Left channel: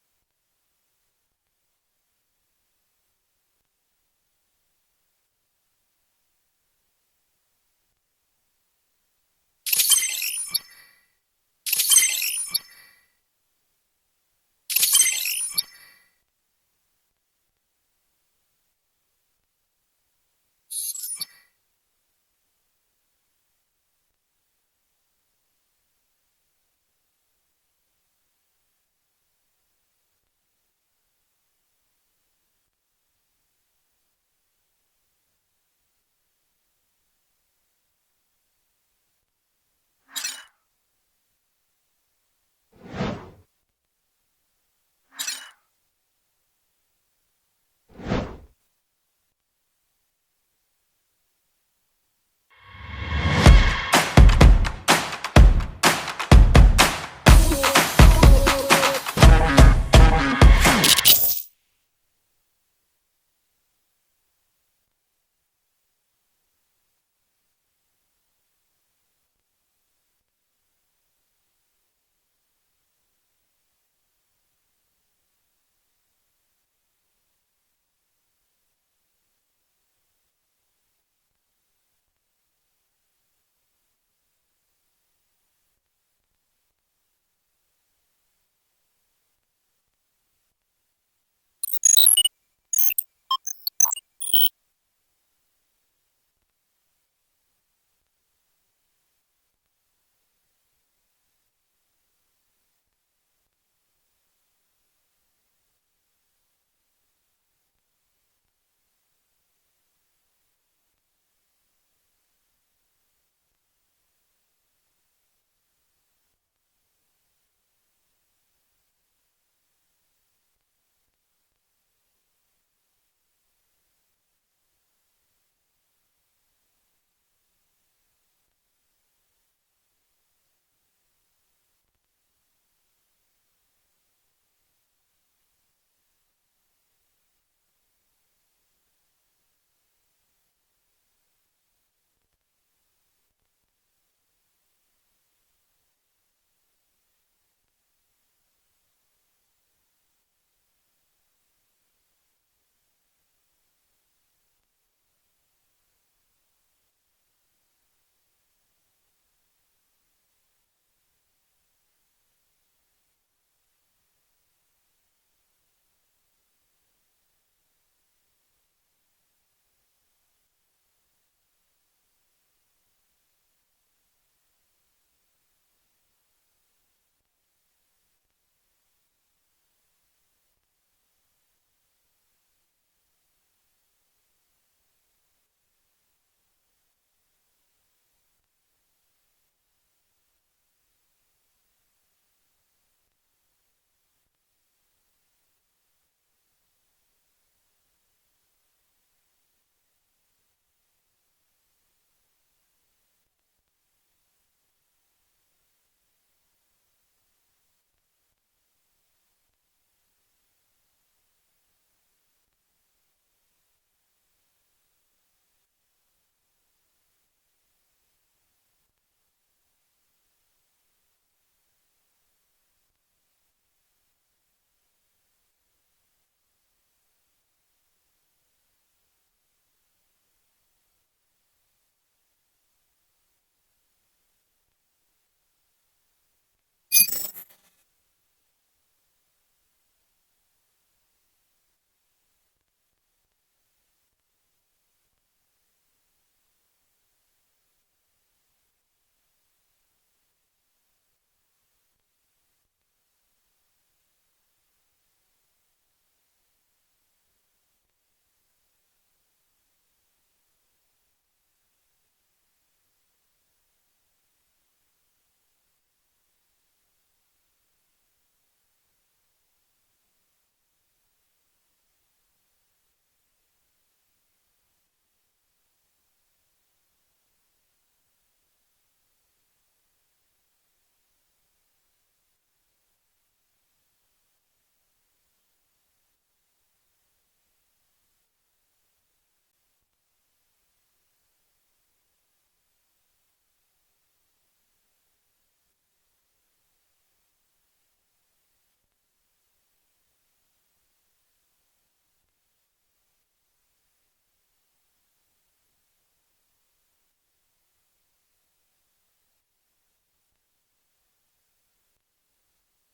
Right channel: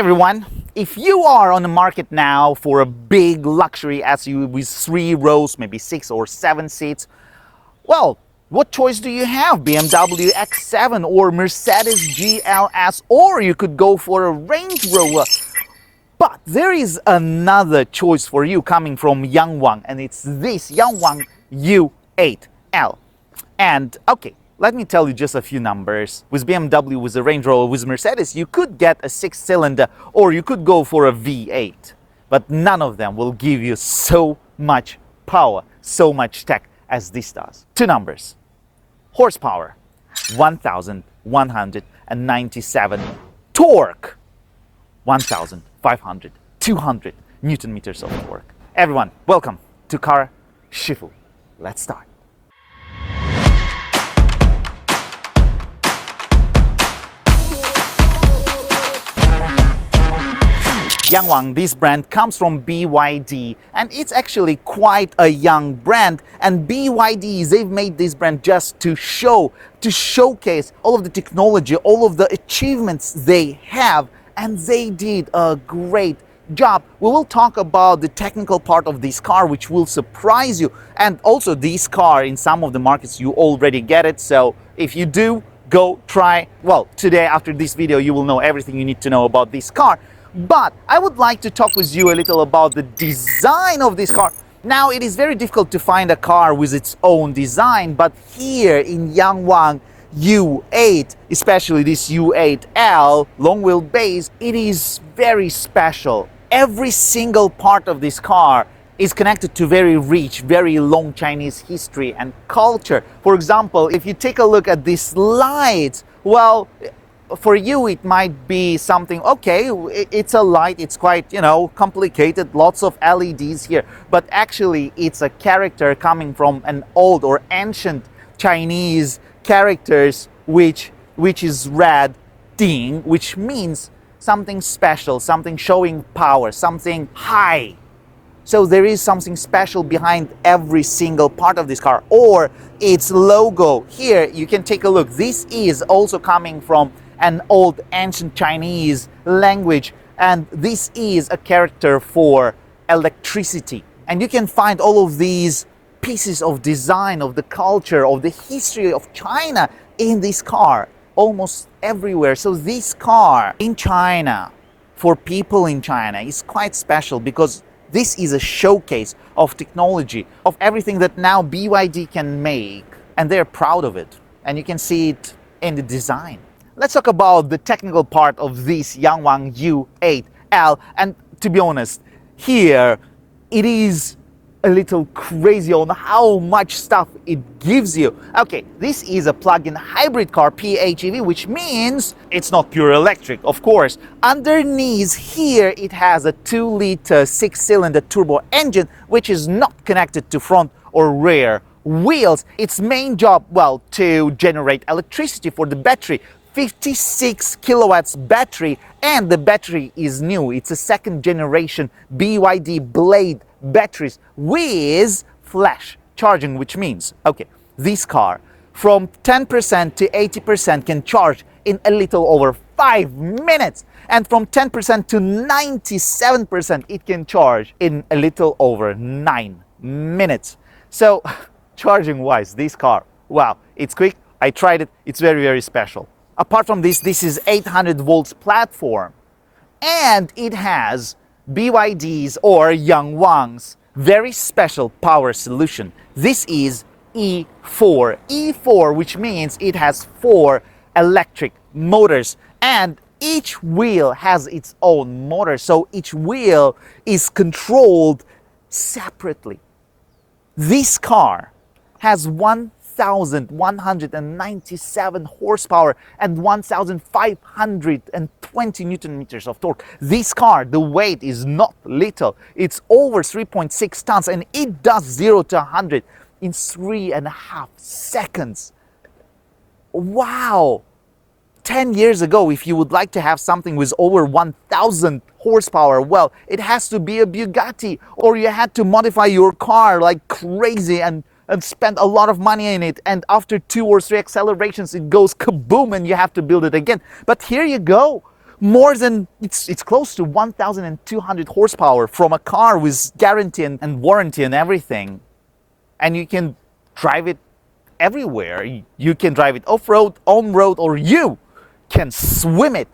everyone, if you are on the market now for a big luxury SUV with 3 rows, maybe 6 or 7 seats, well, what choice do you have? BMW X7 or Mercedes GLS, or you could go for a Range Rover. But there is another choice for you coming from Yangwang, and it's this Yangwang U8L. And okay, let me tell you just a few numbers. With BMW, with a Range Rover, with Mercedes, you could get a 6-cylinder or you could go for a V8. But none of them will give you so much power, so much tech as this does. 2 numbers. Horsepower, 1,197. Torque, 1,500, 200 Newton meters of torque. Everyone, welcome to Car Shifu. Let's start. Yangwang, this brand comes from BYD, and it's actually quite a young brand. And BYD, they've made this brand just to showcase all of the technology, all of the achievements they have, and they did a great job. We will talk about the technical part of this car, which will surprise you. And also this car, in some of the markets, you already get it. So if you do, go try. Well, today, after this video, you will know everything you need to know about this car. But I would like to talk with you a little about the design of this car. Now, it is very difficult to find a car with its own design, but here in Yangwang U8, especially this U8L long wheelbase, it is very special. Every single part of this car is connected to very rich, very long Chinese history and culture. For example, if you take a look at these lights, well, for you it might be something, okay, it's a light, it's quite, complicated, lots of LEDs here, but actually it's a character coming from an old or ancient Chinese characters, which is red ding, which means something special, something showing power, something high. So there is something special behind every single part of this car. Or its logo here, you can take a look, this is also coming from an old ancient Chinese language, and this is a character for electricity. And you can find all of these pieces of design, of the culture, of the history of China in this car, almost everywhere. So this car in China, for people in China, is quite special because this is a showcase of technology, of everything that now BYD can make, and they're proud of it. And you can see it in the design. Let's talk about the technical part of this Yangwang U8L. And to be honest, here it is a little crazy on how much stuff it gives you. Okay, this is a plug-in hybrid car, PHEV, which means it's not pure electric, of course. Underneath here, it has a 2-liter 6-cylinder turbo engine, which is not connected to front or rear wheels. Its main job, well, to generate electricity for the battery. 56 kilowatts battery, and the battery is new. It's a 2nd generation BYD Blade batteries with flash charging, which means, okay, this car from 10% to 80% can charge in a little over 5 minutes, and from 10% to 97% it can charge in a little over 9 minutes. So charging wise, this car, wow, it's quick. I tried it. It's very, very special. Apart from this, this is 800 volts platform, and it has BYD's or Yangwang's very special power solution. This is E4. E4, which means it has 4 electric motors, and each wheel has its own motor, so each wheel is controlled separately. This car has 1,197 horsepower and 1,520 Newton meters of torque. This car, the weight is not little. It's over 3.6 tons, and it does 0 to 100 in 3.5 seconds. Wow! 10 years ago, if you would like to have something with over 1,000 horsepower, well, it has to be a Bugatti, or you had to modify your car like crazy and spend a lot of money in it, and after 2 or 3 accelerations it goes kaboom and you have to build it again. But here you go, more than, it's close to 1,200 horsepower from a car with guarantee and warranty and everything. And you can drive it everywhere. You can drive it off-road, on-road, or you can swim it.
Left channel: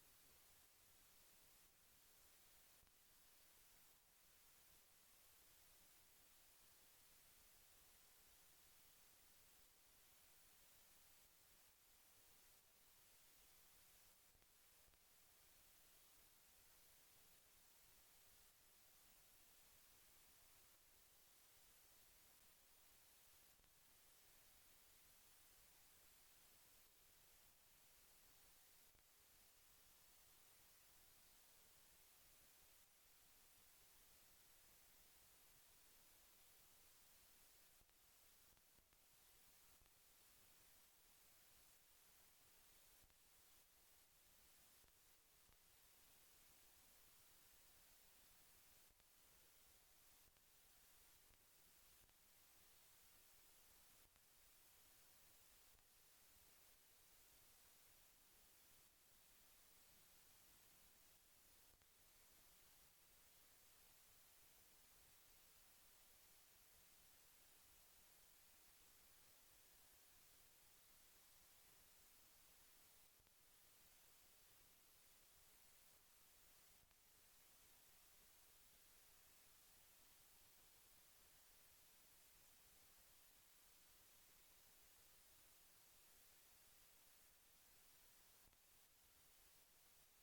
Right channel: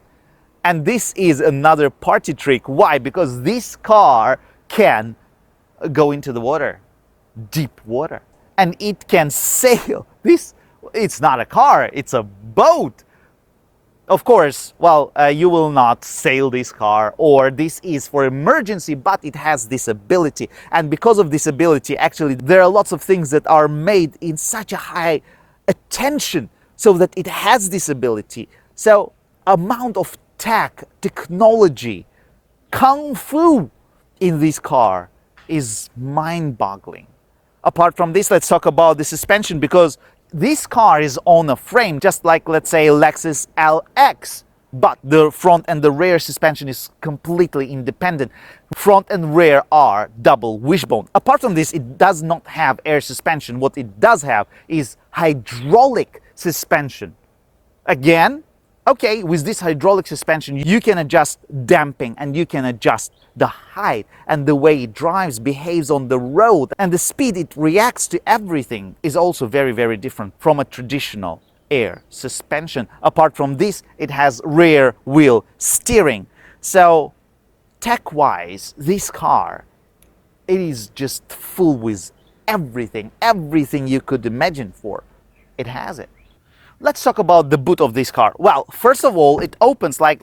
And this is another party trick. Why? Because this car can go into the water, deep water, and it can sail. It's not a car, it's a boat. Of course, well, you will not sail this car, or this is for emergency, but it has this ability. And because of this ability, actually, there are lots of things that are made in such a high attention so that it has this ability. So, amount of technology, kung fu in this car is mind-boggling. Apart from this, let's talk about the suspension, because this car is on a frame, just like, let's say, Lexus LX, but the front and the rear suspension is completely independent. Front and rear are double wishbone. Apart from this, it does not have air suspension. What it does have is hydraulic suspension. Again, okay, with this hydraulic suspension, you can adjust damping and you can adjust the height and the way it drives, behaves on the road, and the speed it reacts to everything is also very, very different from a traditional air suspension. Apart from this, it has rear wheel steering. So tech-wise, this car, it is just full with everything you could imagine for. It has it. Let's talk about the boot of this car. Well, first of all, it opens like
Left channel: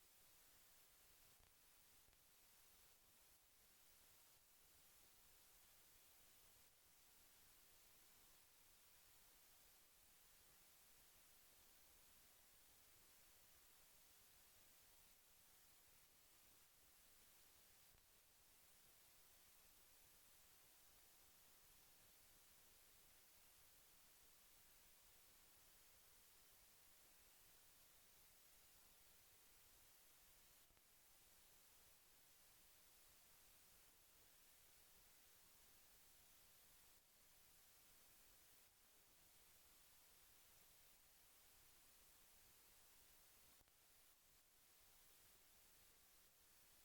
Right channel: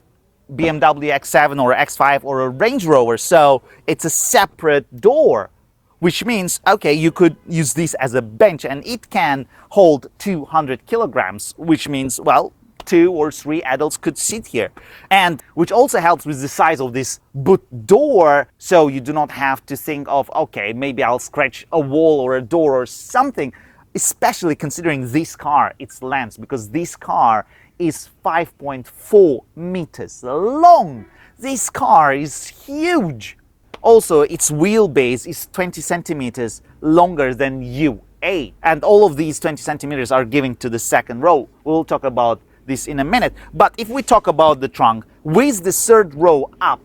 BMW X7 or X5 or a Range Rover, so it's a separate door, which means, okay, you could use this as a bench and it can hold 200 kilograms, which means, well, 2 or 3 adults could sit here. And which also helps with the size of this boot door, so you do not have to think of, okay, maybe I'll scratch a wall or a door or something. Especially considering this car, its length, because this car is 5.4 meters long. This car is huge. Also, its wheelbase is 20 centimeters longer than U8. And all of these 20 centimeters are given to the second row. We'll talk about this in a minute. But if we talk about the trunk, with the third row up,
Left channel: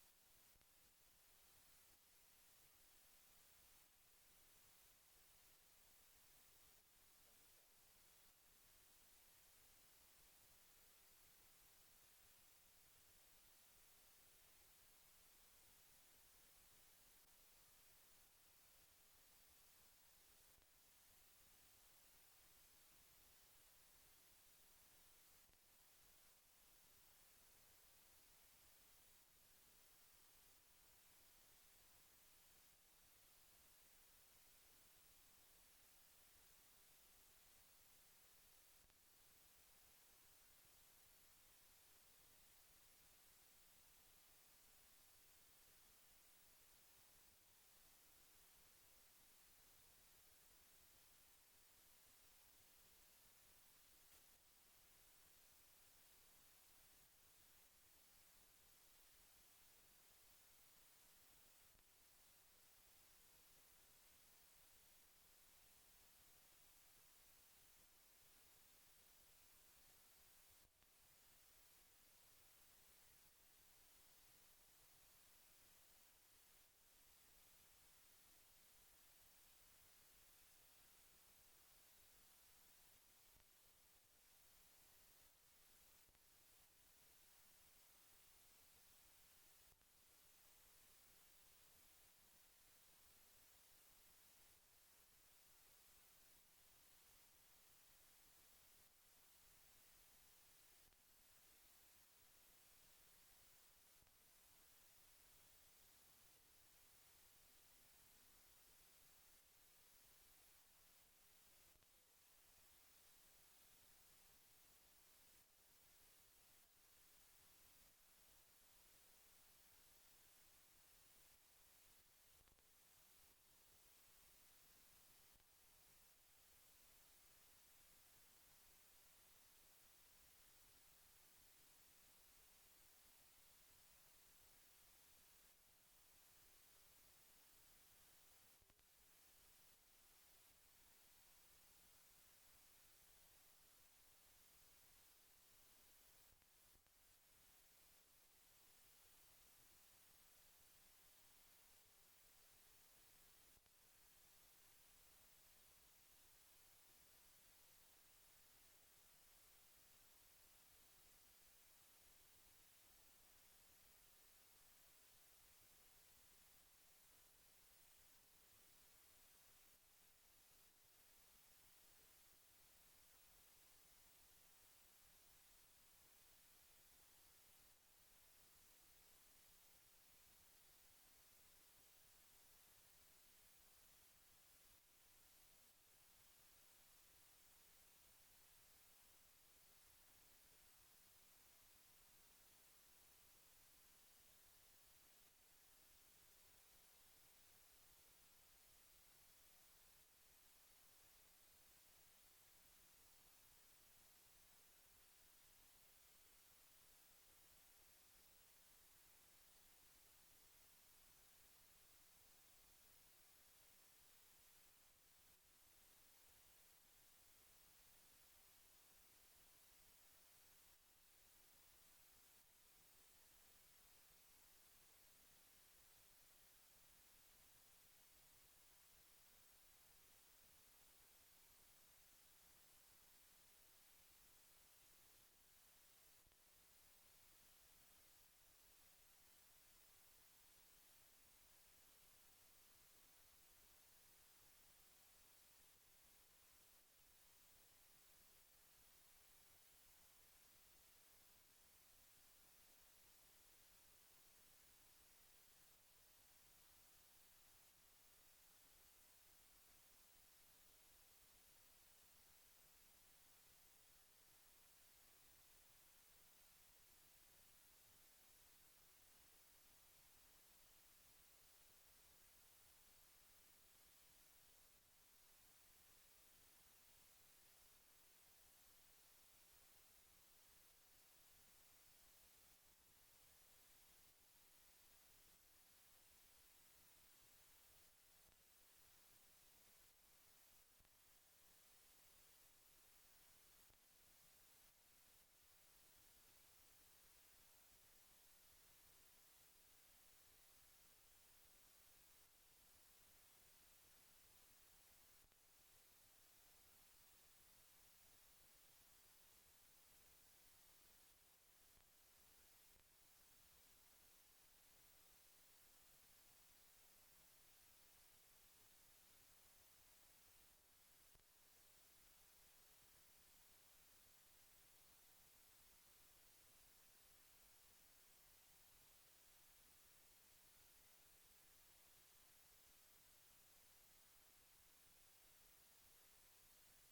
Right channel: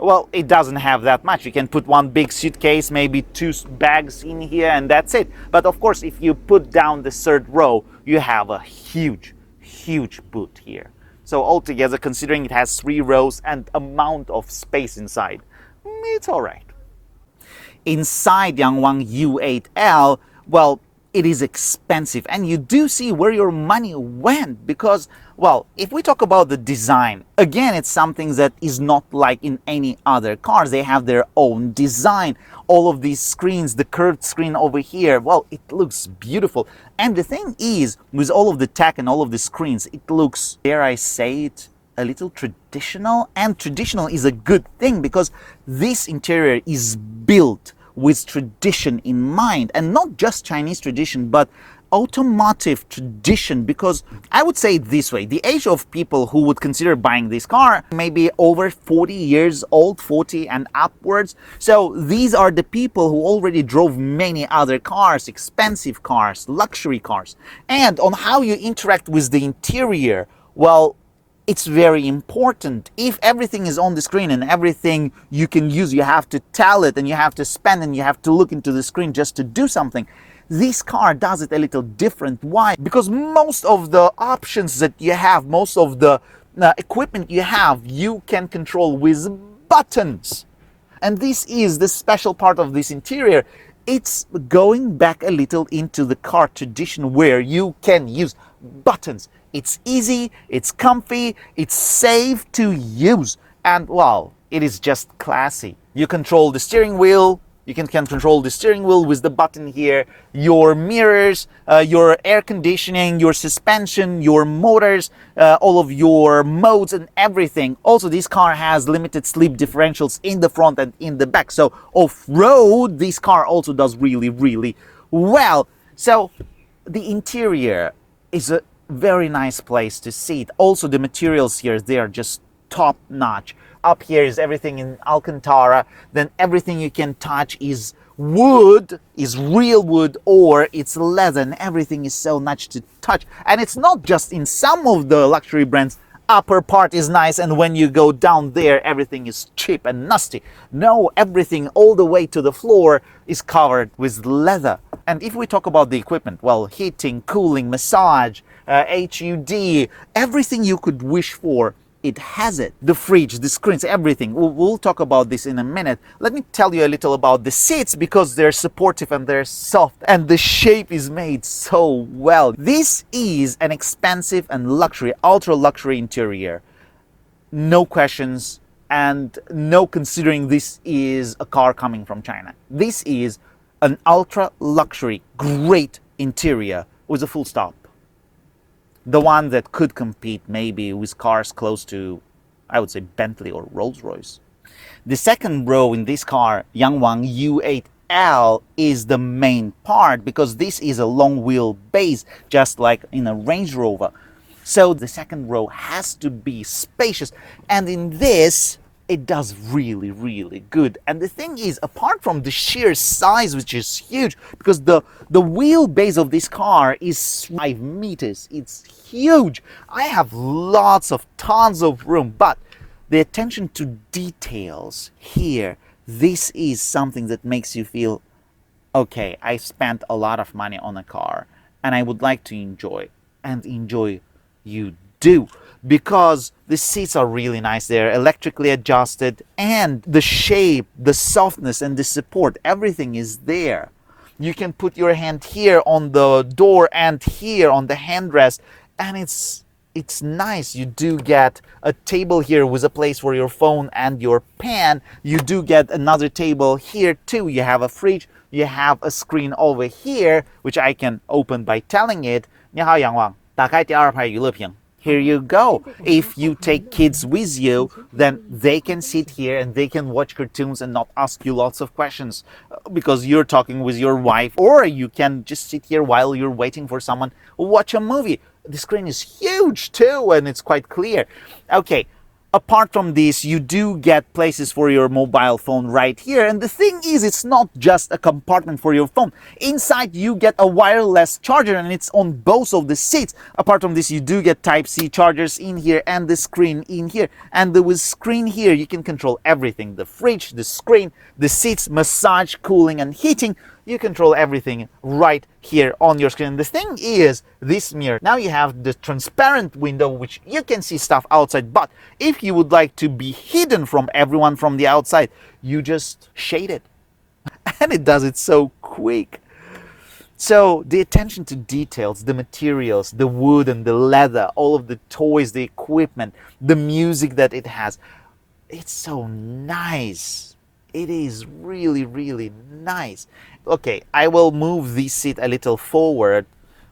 well, it doesn't have that much. You can put one big suitcase, maybe 2 bags in here, and that's it. But of course, if you put down the third row, you have a huge boot here. So altogether, considering it has 3 rows and amount of space inside, it's all right. Inside Yangwang U8L, well, it is expensive, and you do see where your money went, because, well, if we talk about the design, again, it's something that is not like in any other cars. They have their own design. All of these screens, the curved screen over here, well, it looks beautiful. And the thing is, with all of the tech and all of the screens, it looks, dare I say it, a little traditional. And traditional is a good thing, because this interior is built with tradition in mind, and not just Chinese tradition, but automotive tradition. Because I would say it this way, the age of people who would consider buying this car may be over 40 years old, 40 and upwards. So these are the people who already drove many other cars, expensive cars, luxury cars. And on how you interact with the interior, well, it's very important. If everything is on the screen and everything you can use, you have to tell it and you have to spend and you have to look into the screen just to do something. This car does it a little different. Why? Because most of the options that you have, most of the equipment you have, you can control with buttons. And this is the special part of this interior. It's going back a little into the car tradition where you can use buttons. It's easy, it's comfy, it's safe to use, and well, it is just classy. You control the steering wheel, you can control the steering wheel with the button here, your mirrors, your air conditioning, your suspension, your motors, all of your modes and everything. Also, this car has limited slip differentials in the front and in the back, so off-road, this car also does really, really well. So the interior is a very nice place to sit. Also, the materials here, they are just top notch. Up here is everything in Alcantara. Then everything you can touch is wood, is real wood, or it's leather, and everything is so nice to touch. And it's not just in some of the luxury brands. upper part is nice and when you go down there everything is cheap and nasty. No, everything all the way to the floor is covered with leather. And if we talk about the equipment, well, heating, cooling, massage, HUD, everything you could wish for, it has it. The fridge, the screens, everything. We'll talk about this in a minute. Let me tell you a little about the seats because they're supportive and they're soft and the shape is made so well. This is an expensive and luxury, ultra luxury interior. No questions and no considering this is a car coming from China. This is an ultra luxury, great interior with a full stop. The one that could compete maybe with cars close to, I would say, Bentley or Rolls-Royce. The second row in this car, Yangwang U8L, is the main part because this is a long wheel base, just like in a Range Rover. So the second row has to be spacious, and in this, it does really, really good. And the thing is, apart from the sheer size, which is huge, because the wheelbase of this car is 5 meters, it's huge. I have tons of room, but the attention to details here, this is something that makes you feel, okay, I spent a lot of money on a car and I would like to enjoy, and enjoy you do. Because the seats are really nice, they're electrically adjusted, and the shape, the softness and the support, everything is there. You can put your hand here on the door and here on the handrest, and it's nice. You do get a table here with a place for your phone and your pen. You do get another table here too. You have a fridge, you have a screen over here, which I can open by telling it, 你好杨王，打开第二排娱乐屏。 Here you go. If you take kids with you, then they can sit here and they can watch cartoons and not ask you lots of questions because you're talking with your wife, or you can just sit here while you're waiting for someone, watch a movie. The screen is huge too and it's quite clear. Okay. Apart from this, you do get places for your mobile phone right here. And the thing is, it's not just a compartment for your phone. Inside, you get a wireless charger and it's on both of the seats. Apart from this, you do get Type-C chargers in here and the screen in here. And with screen here, you can control everything. The fridge, the screen, the seats, massage, cooling, and heating. You control everything right here on your screen. The thing is, this mirror, now you have the transparent window, which you can see stuff outside, but if you would like to be hidden from everyone from the outside, you just shade it. And it does it so quick. So the attention to details, the materials, the wood and the leather, all of the toys, the equipment, the music that it has, it's so nice. It is really, really nice. Okay, I will move this seat a little forward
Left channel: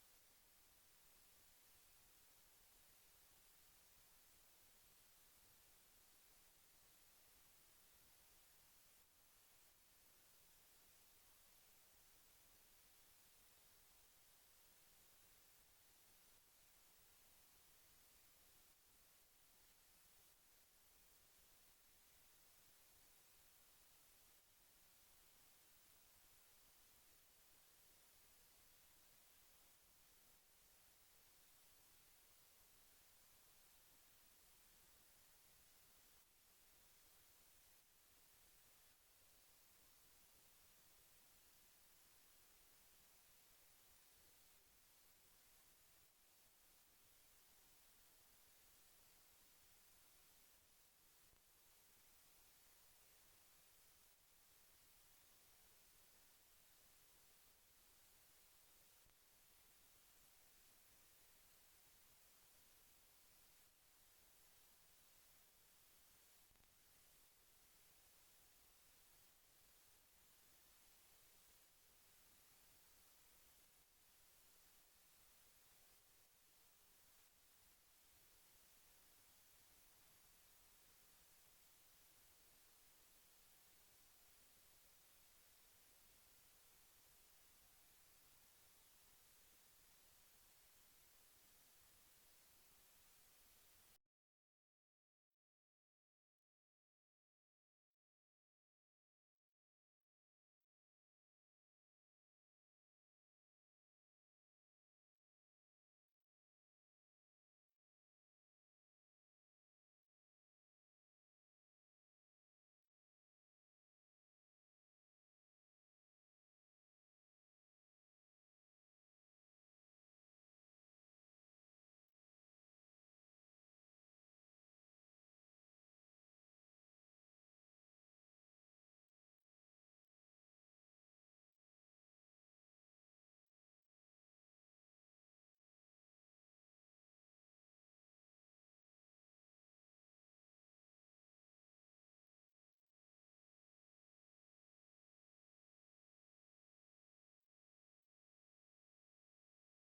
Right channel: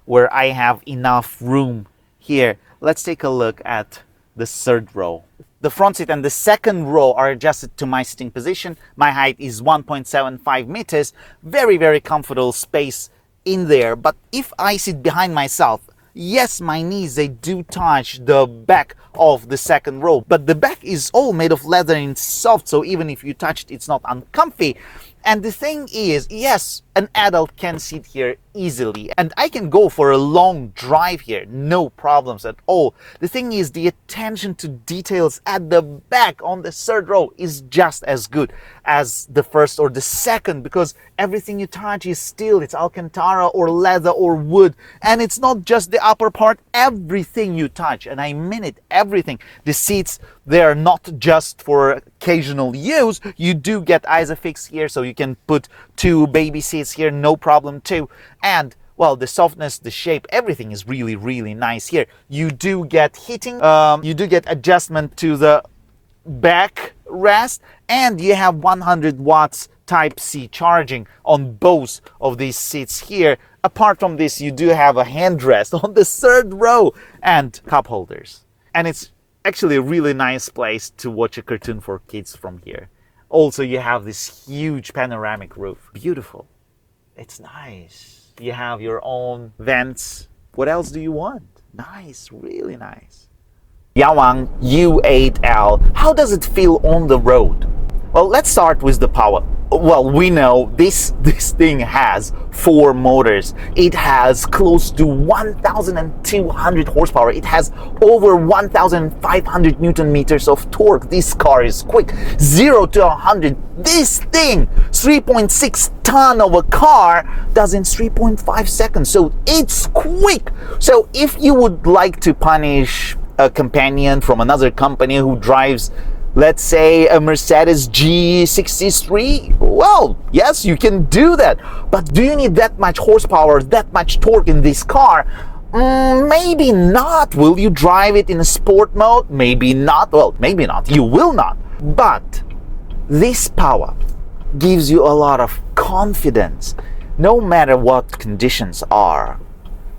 where I have enough room here. Let's take a look at the third row. The front seat and the second row are adjusted to my sitting position. My height is 1.75 meters. Very, very comfortable space in there. But if I sit behind myself, yes, my knees, they do touch the back of the second row, but the back is all made of leather and it's soft, so even if you touch it, it's not uncomfy. And the thing is, yes, an adult can sit here easily and I can go for a long drive here, no problems at all. The thing is, the attention to details at the back on the third row is just as good as the first or the second, because everything you touch is steel, it's Alcantara or leather or wood, and it's not just the upper part, everything you touch, and I mean it, everything. The seats, they are not just for occasional use. You do get Isofix here, so you can put 2 baby seats here, no problem too. And well, the softness, the shape, everything is really, really nice here. You do get heating, you do get adjustment to the back rest, and you have 100 watts Type-C charging on both of these seats here. Apart from this, you do have a handrest on the third row and cup holders. And it's actually a really nice place to watch a cartoon for kids from here. Also, you have this huge panoramic roof. Beautiful. It's nice. You have your own vents. What else do you want? Nice, really nice. Yangwang U8L. How does it feel on the road? Well, let's start with the power. Well, we know this thing has 4 motors. It has close to 1,200 horsepower. It has over 1,500 Newton meters of torque. This car is quick. 0 to 100. This thing, 3.6 ton of a car, does in 3.5 seconds. So it's quick. So if you would like to punish a companion from another company who drives, let's say, a Mercedes G63, well, yes, you can do that. But do you need that much horsepower, that much torque in this car? Maybe not. Will you drive it in a sport mode? Maybe not. Well, maybe not. You will not. But this power gives you a lot of confidence. No matter what conditions are,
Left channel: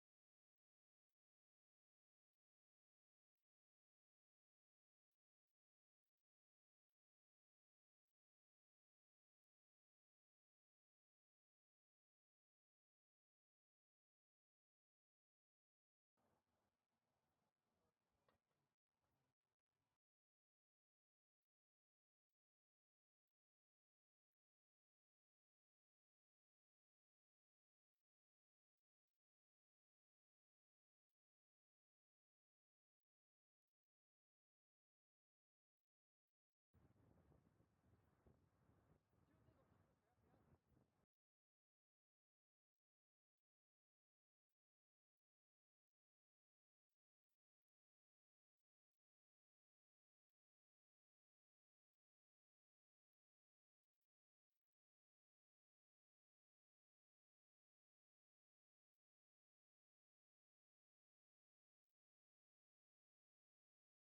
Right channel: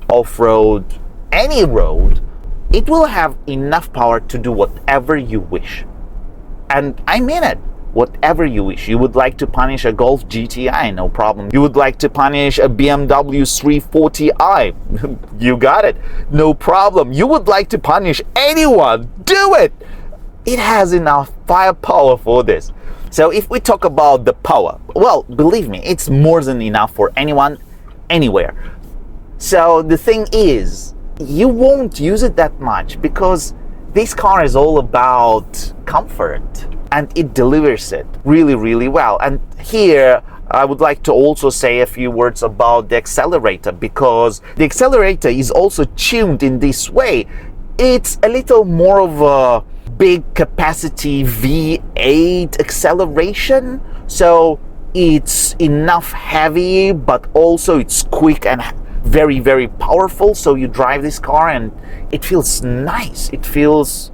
off-road, any road, it will have enough power to do whatever you wish. And I mean it, whatever you wish. You would like to punish a Golf GTI, no problem. You would like to punish a BMW 340i, you got it, no problem. You would like to punish anyone, do it! It has enough firepower for this. So if we talk about the power, well, believe me, it's more than enough for anyone, anywhere. So the thing is, you won't use it that much because this car is all about comfort and it delivers it really, really well. And here I would like to also say a few words about the accelerator, because the accelerator is also tuned in this way. It's a little more of a big capacity V8 acceleration, so it's enough heavy, but also it's quick and very, very powerful. So you drive this car and it feels nice. It feels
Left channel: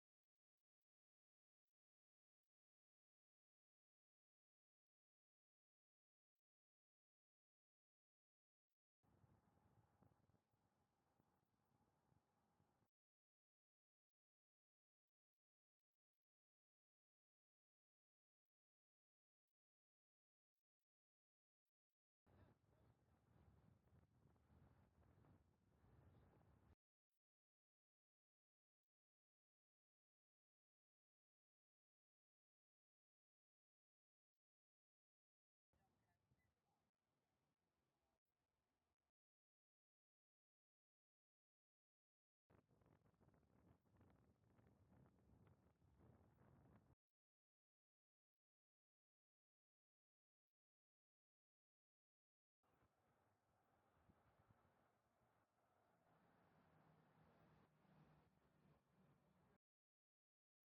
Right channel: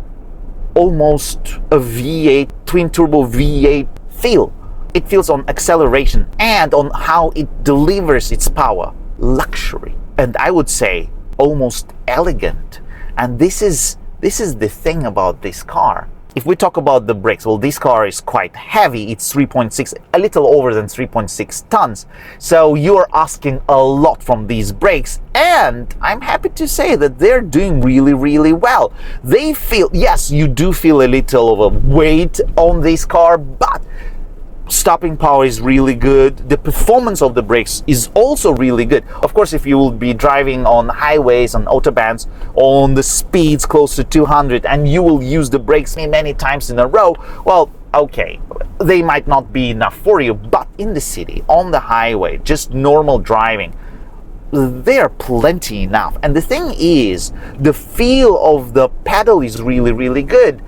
almost a V8, twin turbo V8 feel. It feels on acceleration and on how it delivers its power. Luxury. And I would say almost elegant. And this is the thing about this car. If we talk about the brakes, well, this car is quite heavy. It's 3.6, a little over than 3.6 tons. So you're asking a lot from these brakes. And I'm happy to say that they're doing really, really well. They feel, yes, you do feel a little of a weight on this car, but stopping power is really good. The performance of the brakes is also really good. Of course, if you will be driving on highways, on autobahns, on the speeds close to 200, and you will use the brakes many times in a row, well, okay, they might not be enough for you. But in the city, on the highway, just normal driving, they are plenty enough. And the thing is, the feel of the pedal is really, really good.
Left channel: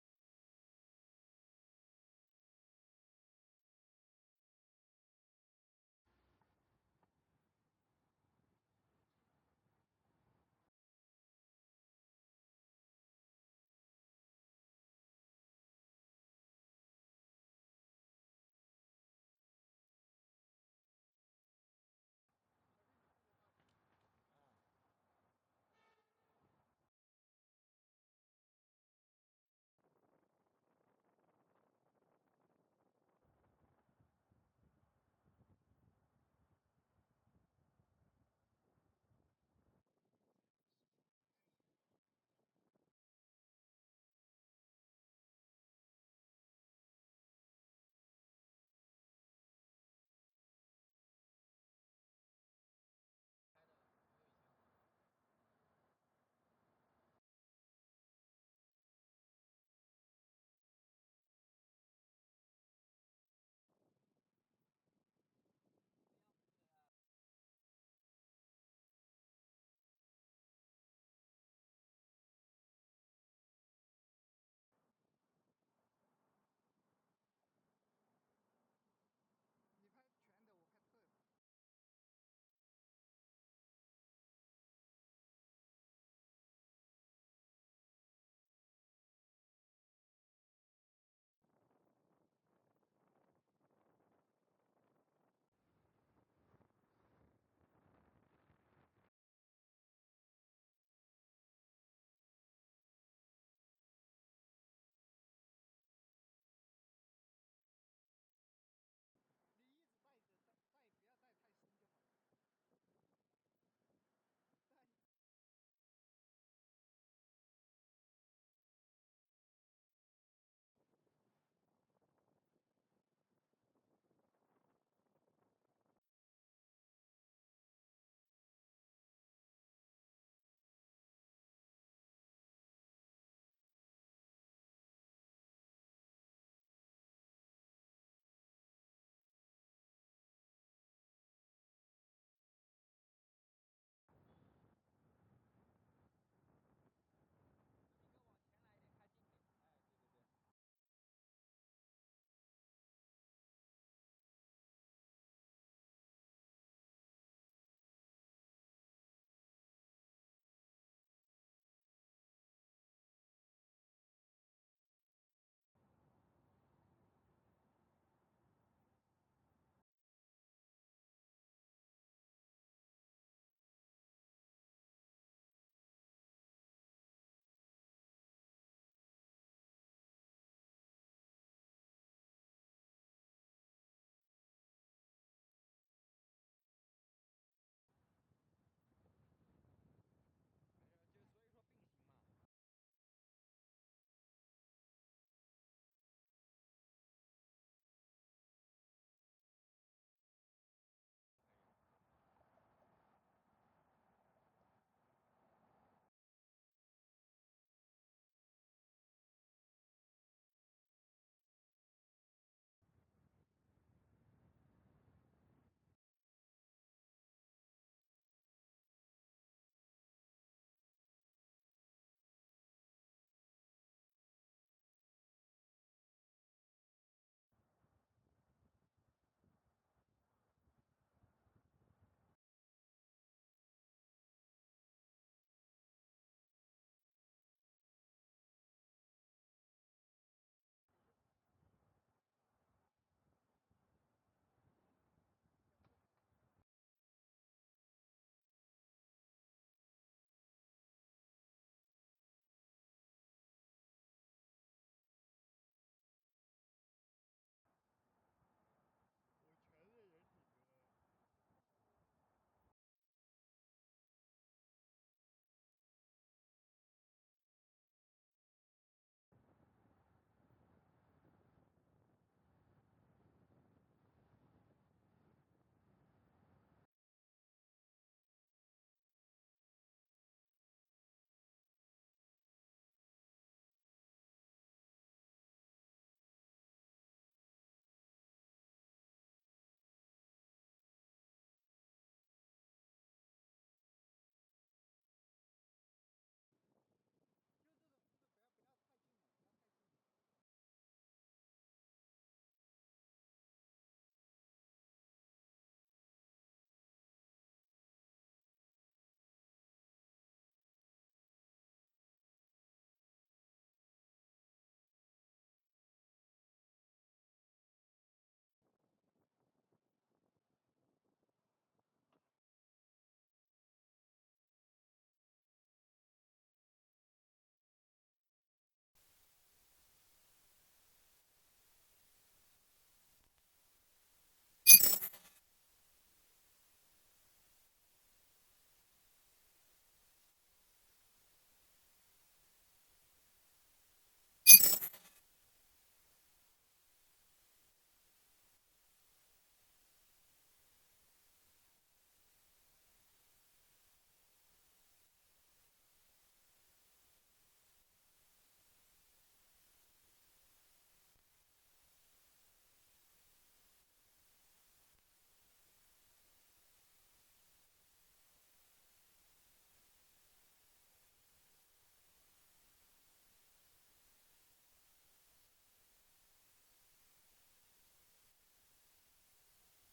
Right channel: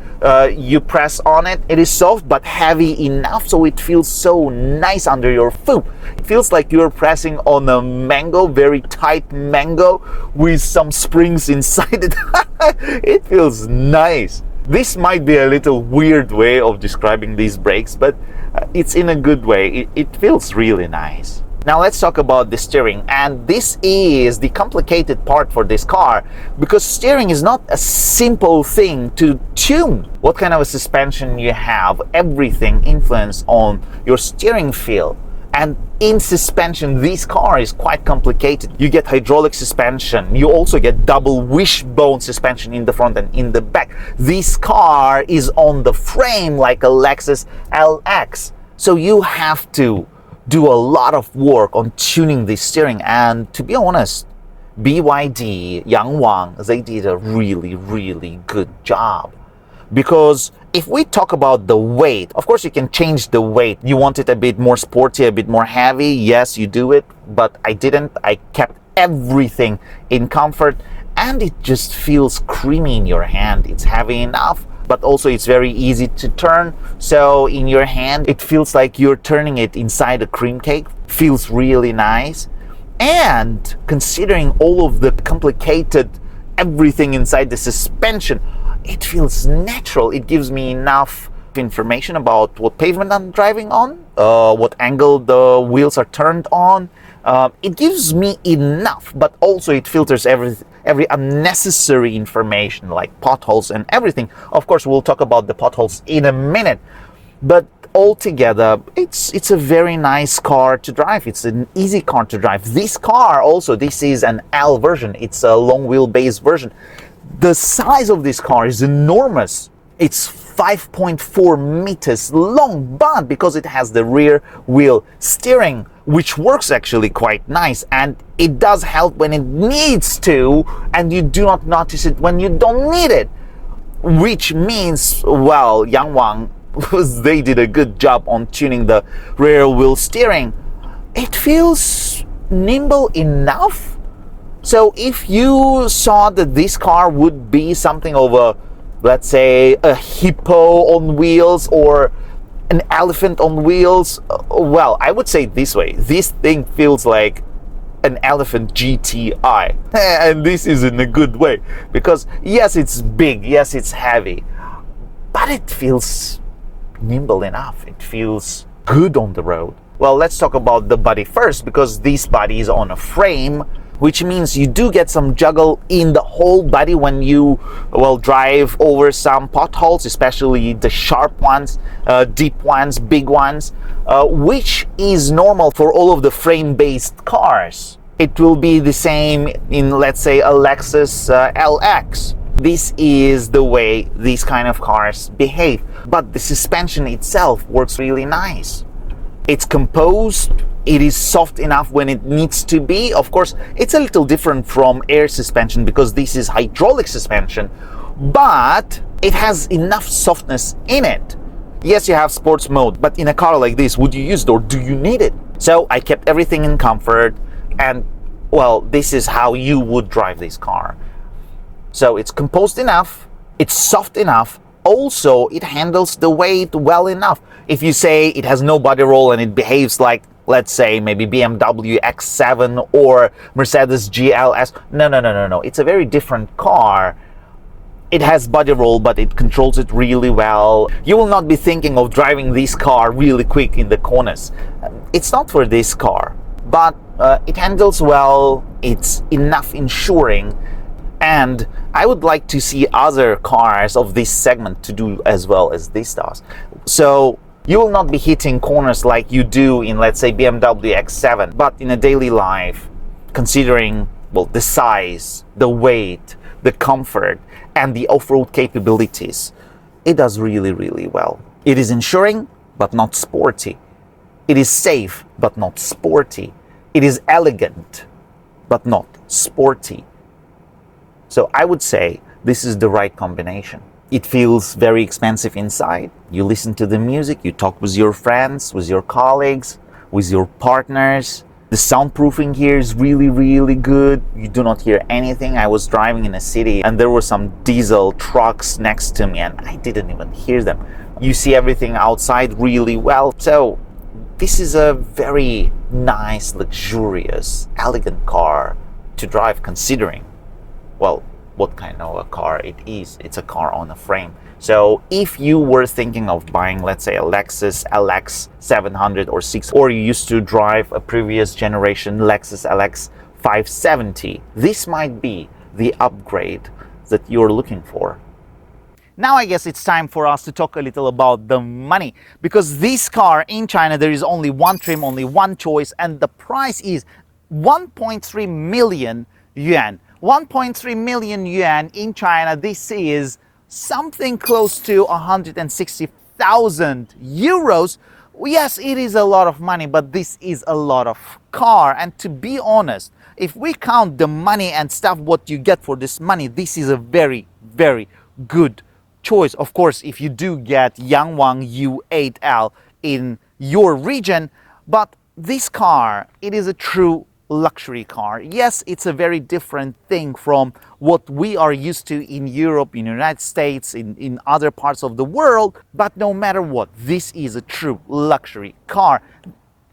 You press on it, it is soft but heavy enough, so it feels so nice under your foot. It feels like you're pressing on a mango, very tight mango with some springs inside it. It feels nice. This might be a little weird way of describing these brakes, but it's in a good way. It feels really nice. Now let's talk about the steering, and this is the complicated part for this car, because steering is not a simple thing to tune. What kind of a suspension you have, everything influences on your steering feel. And in suspension, this car is quite complicated. You get hydraulic suspension, you also get double wishbone suspension in the front and in the back. This car is on the frame like a Lexus LX, so you have to do a lot of work on tuning the steering. And to be honest, BYD, Yangwang, they did a really, really good job. Because if we talk about the weight, of course you can change the weight. You want it a bit more sporty, a bit more heavy, yes, you do it, but I didn't. I kept everything in comfort, and it just feels creamy in your hand. It's heavy enough, but also it's very easy to turn. So in your hand, it feels like you're turning it inside a cream cake. Feels really nice. And considering all of the complicated everything inside the suspension, it feels natural. It gives me enough information about what pavement I'm driving on, what angle the wheels are turned on. It gives me enough, but also it filters every unnecessary information like potholes and everything. Of course, we'll talk about the potholes in a minute, but altogether, it's a very nice car to drive. It's an easy car to drive. This car also, this is an L version. It's a long wheelbase version. The size of this car is enormous. It's 5.4 meters long, but because it has the rear wheel steering, which works actually quite nice, and it does help when it needs to, and you do not notice it when you don't need it, which means, well, Yangwang, they did a good job on tuning the rear wheel steering. It feels nimble enough. So if you saw that this car would be something of a, let's say, a hippo on wheels or an elephant on wheels, well, I would say this way. This thing feels like an elephant GTI. And this is in a good way. Because yes, it's big, yes, it's heavy, but it feels nimble enough. It feels good on the road. Well, let's talk about the body first, because this body is on a frame, which means you do get some juggle in the whole body when you, well, drive over some potholes, especially the sharp ones, deep ones, big ones, which is normal for all of the frame-based cars. It will be the same in, let's say, a Lexus LX. This is the way these kind of cars behave. But the suspension itself works really nice. It's composed. It is soft enough when it needs to be. Of course, it's a little different from air suspension because this is hydraulic suspension, but it has enough softness in it. Yes, you have sports mode, but in a car like this, would you use it or do you need it? So I kept everything in comfort, and well, this is how you would drive this car. So it's composed enough, it's soft enough, also it handles the weight well enough. If you say it has no body roll and it behaves like, let's say, maybe BMW X7 or Mercedes GLS. No. It's a very different car. It has body roll, but it controls it really well. You will not be thinking of driving this car really quick in the corners. It's not for this car, but it handles well. It's enough ensuring. And I would like to see other cars of this segment to do as well as this does. So you will not be hitting corners like you do in, let's say, BMW X7, but in a daily life, considering, well, the size, the weight, the comfort, and the off-road capabilities, it does really, really well. It is ensuring, but not sporty. It is safe, but not sporty. It is elegant, but not sporty. So I would say this is the right combination. It feels very expensive inside. You listen to the music, you talk with your friends, with your colleagues, with your partners. The soundproofing here is really, really good. You do not hear anything. I was driving in a city and there were some diesel trucks next to me and I didn't even hear them. You see everything outside really well. So this is a very nice, luxurious, elegant car to drive, considering, well, what kind of a car it is. It's a car on a frame. So if you were thinking of buying, let's say, a Lexus LX700 or 6, or you used to drive a previous generation Lexus LX570, this might be the upgrade that you're looking for. Now I guess it's time for us to talk a little about the money, because this car in China, there is only one trim, only one choice, and the price is 1.3 million yuan. 1.3 million yuan in China, this is something close to 160,000 euros. Yes, it is a lot of money, but this is a lot of car. And to be honest, if we count the money and stuff, what you get for this money, this is a very, very good choice. Of course, if you do get Yangwang U8L in your region, but this car, it is a true luxury car. Yes, it's a very different thing from what we are used to in Europe, in the United States, in other parts of the world, but no matter what, this is a true luxury car.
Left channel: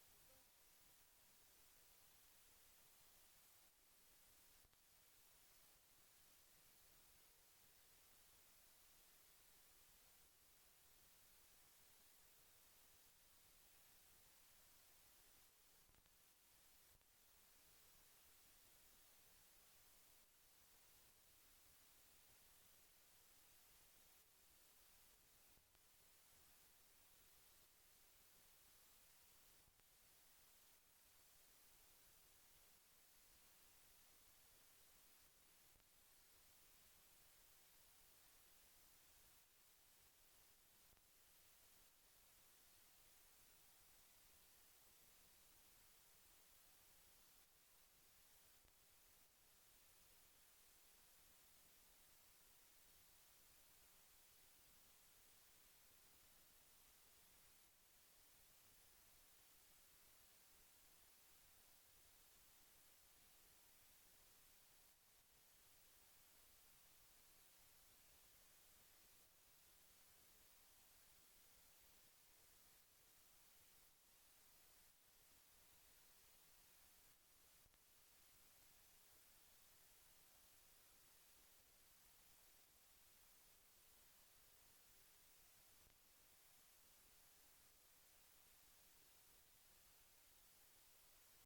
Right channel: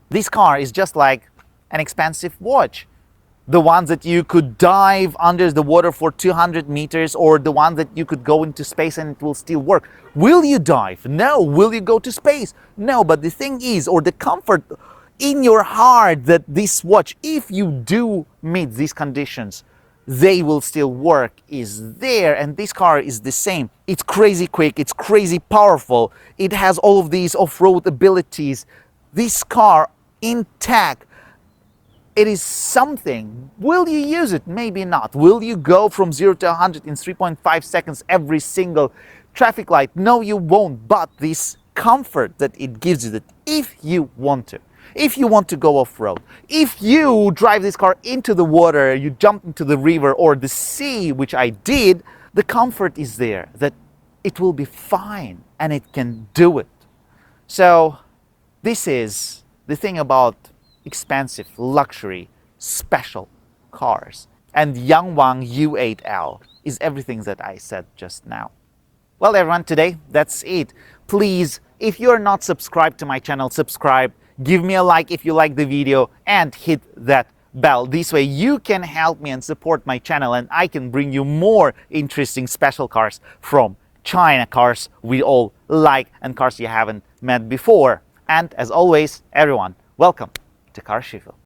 This car is just like an expensive watch. The ones that you could dive under the water for 200 meters, or the one that you could go into space and it will still work. Will you dive? No. Will you go to space? No. But the thing is, or the comfort in your heart, that this watch, if you do meet these conditions, they will still work, is there. And this car is the same. It's crazy quick, it's crazy powerful, it has all of these off-road abilities. This car intact, it is something. Will you use it? Maybe not. Will you go from 0 to 100 in 3.5 seconds every single traffic light. No, you won't. But this comfort that it gives you, that if you want to go off-road, if you drive this car into the water, you jump into the river or the sea, which I did, the comfort is there, that it will be fine and it can do it. So this is the thing about expensive, luxury, special cars. And Yangwang U8L is everything that I said just now. Well, everyone, today that's it. Please, if you're not subscribed to my channel, subscribe, give me a like if you like the video, and hit that bell. This way you can help me and support my channel, and I can bring you more interesting special cars from China, cars we all like and cars you haven't met before. And as always, everyone, welcome to Car Shifu.